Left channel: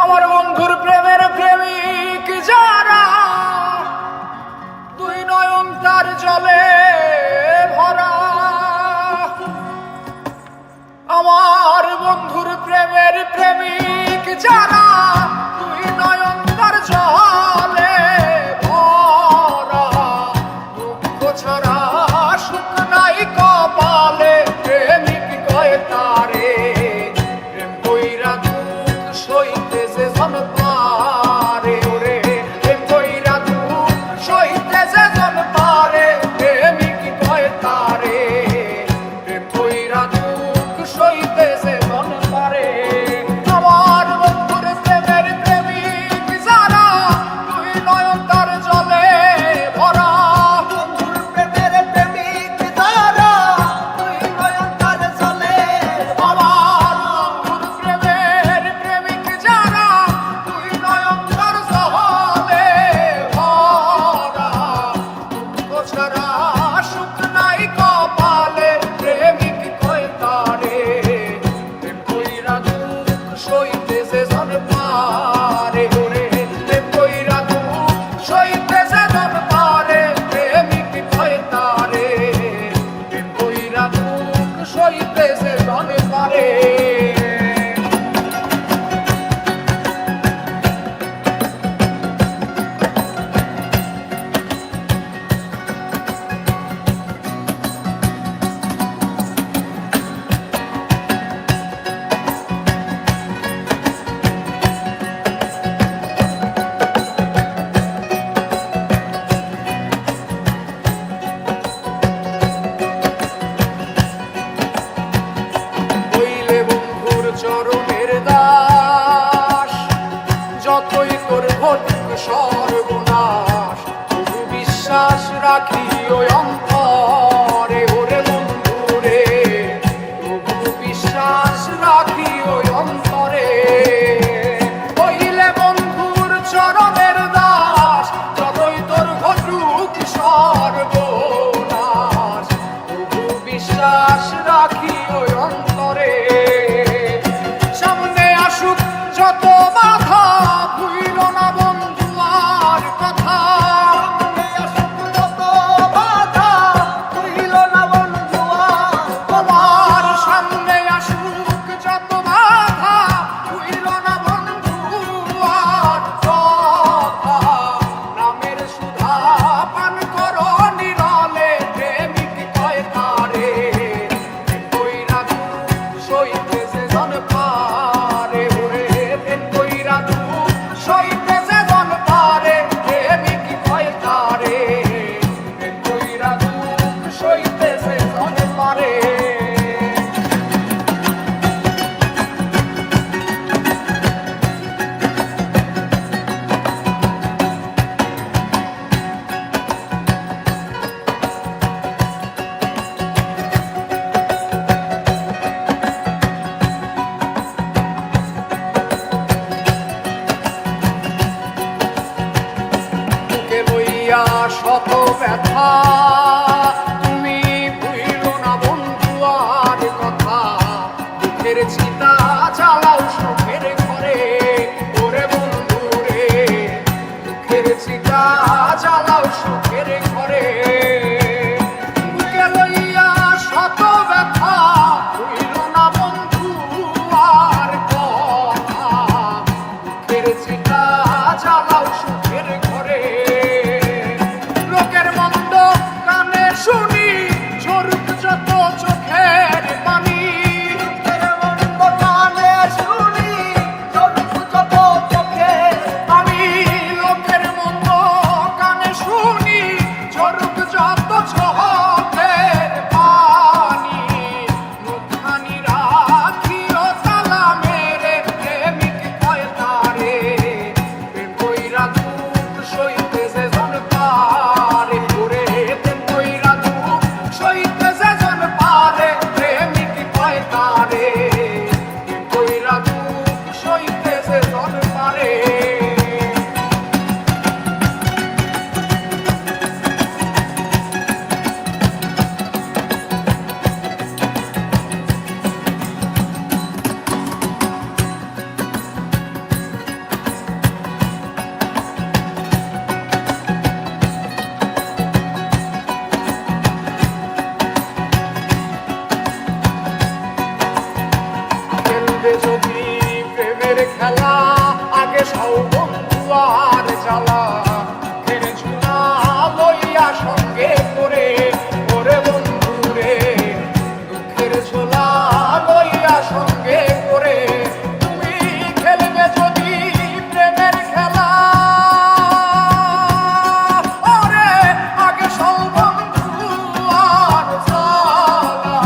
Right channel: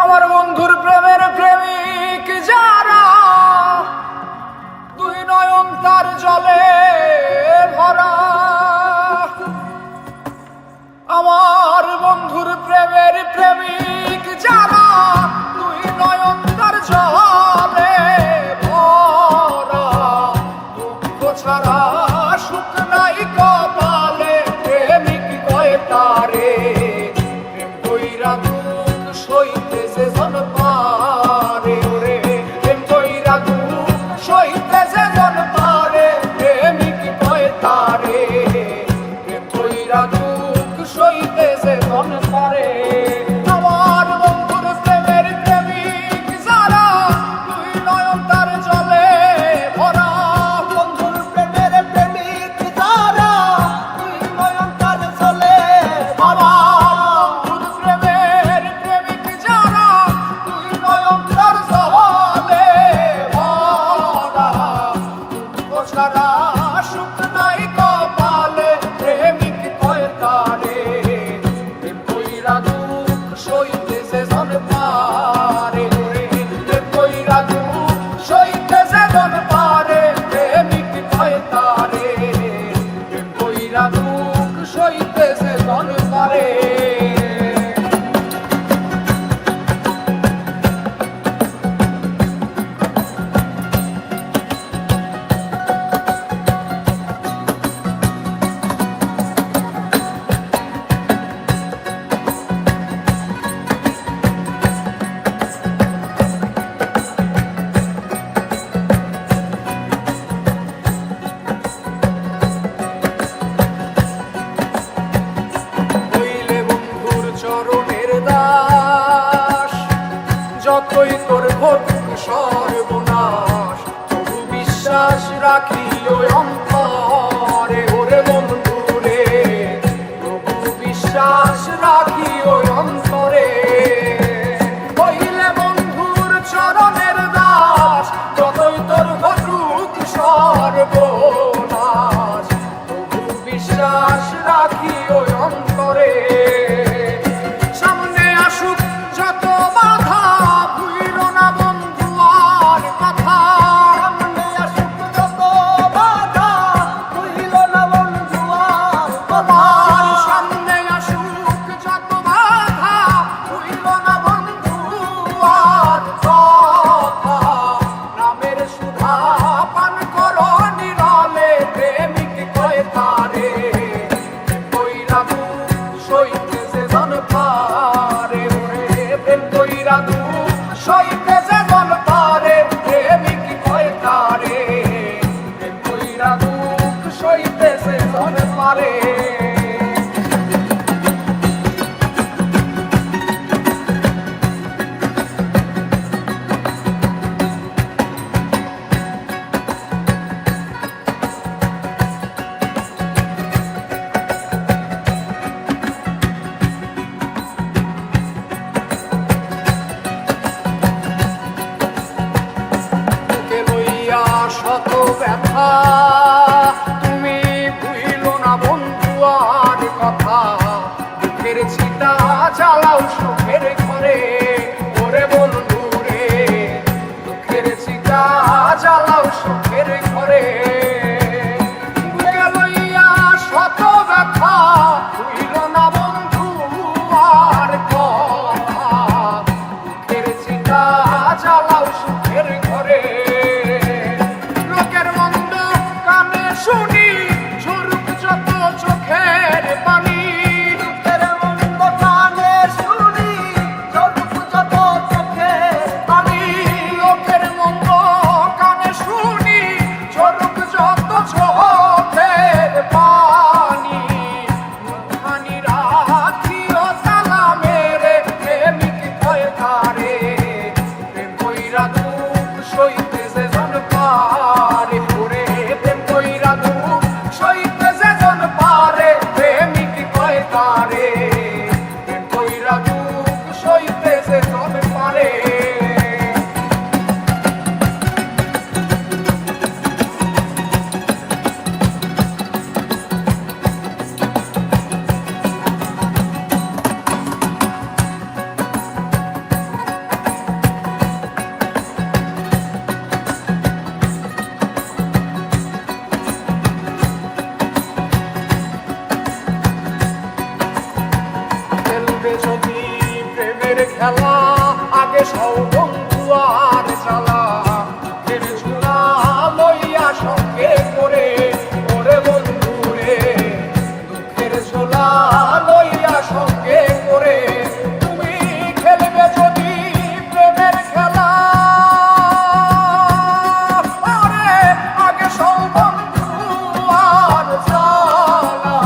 আমার বন্ধুর প্রেমের প্রেমিক যারা, দুই নয়ন তার জলে ভরা। আমার বন্ধুর প্রেমের প্রেমিক যারা, দুই নয়ন তার জলে ভরা। দুঃখ ছাড়া সুখ নাই কপালে, প্রেমিক কয় তারে। প্রেম কইরা দুঃখ সইতে যে জন পারে, ওরে প্রেম কইরা দুঃখ সইতে যে জন পারে, প্রেমিক কয় তারে। প্রেম কইরা দুঃখ সইতে যে জন পারে। আমার বন্ধুর প্রেমের প্রেমিক যারা, দুই নয়ন তার জলে ভরা। বন্ধুর প্রেমের প্রেমিক যারা, দুই নয়ন তার জলে ভরা। বন্ধুর প্রেমের প্রেমিক যারা, দুই নয়ন তার জলে ভরা। দুঃখ ছাড়া সুখ নাই কপালে, প্রেমিক কয় তারে। প্রেম কইরা দুঃখ সইতে যে জন পারে, প্রেম কইরা দুঃখ সইতে যে জন পারে, প্রেমিক কয় তারে। প্রেম কইরা দুঃখ সইতে যে জন পারে। হইলে বন্ধুর চরণের দাস, যতই তোর ঘটুক সর্বনাশ, তবু বিশ্বাস রাখি ওই অন্তরে। ওরে বন্ধুরে, তবু বিশ্বাস রাখি ওই অন্তরে। হইলে বন্ধুর চরণের দাস, যতই তোর ঘটুক সর্বনাশ, তবু বিশ্বাস রাখি ওই অন্তরে। সামনে আসুক যত বাধা, ভুইল না বন্ধু আর কথা। সামনে আসুক যত বাধা, খেলা আগে সৌ বন্ধু আর জ্বালা দুঃখের ঝোলা লইয়া সঙ্গে করে ওরে বন্ধু রে দুঃখের ঝোলা লইয়া সঙ্গে করে তুমি খেলবে যদি প্রেমের খেলা ওরে আগে সৌ বন্ধু আর জ্বালা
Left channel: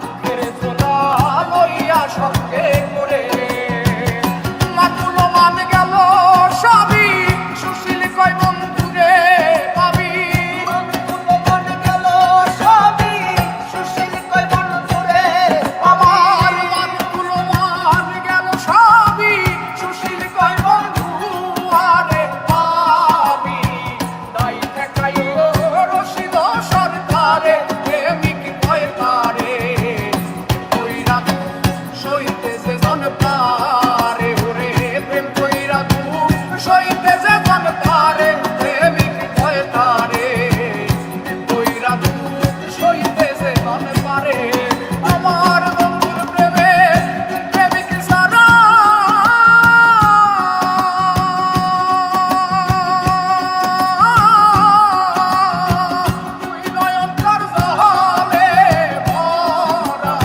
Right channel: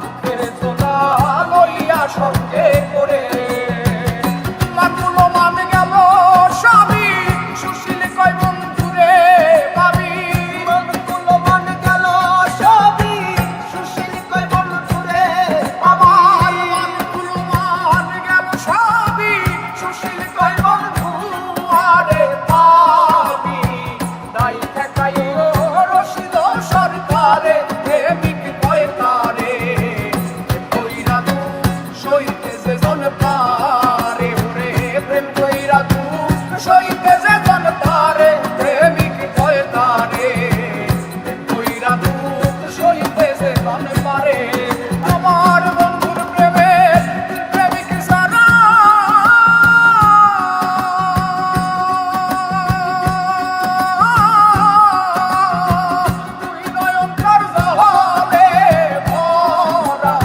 দুঃখের ঝোলা লইয়া সঙ্গে করে লাগুলো মান গেল সবই সুশীল কয় বন্ধুরে পাবি মনগুলো মন গেল সবই সুশীল কয় বন্ধুরে পাবি লাগুলো মান গেল সবই সুশীল কয় বন্ধু আরে পাবি দাই ঠেকাইও রশিদ সরকারে প্রেমিক কয় তারে কইরা তু সইতে যে জন পারে ওরে প্রেম কইরা তু সইতে যে জন পারে প্রেমিক কয় তারে প্রেম কইরা তু সইতে যে জন পারে আমার বন্ধুর প্রেমে প্রেমিক সারা তুই নয়ন কর জলে ভরা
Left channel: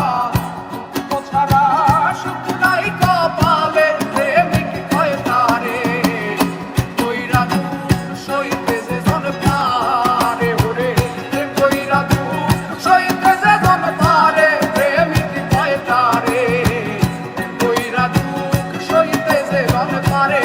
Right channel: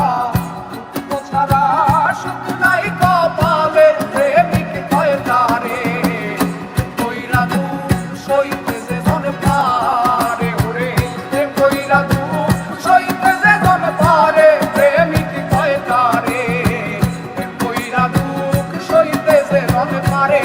দুঃখ ছাড়া সুখ নাই কপালে প্রেমিক কয় তারে কইরা দুঃখ সইতে যে জন পারে ওরে প্রেম কইরা দুঃখ সইতে যে জন পারে প্রেমিক কয় তারে প্রেম কইরা দুঃখ সইতে যে জন পারে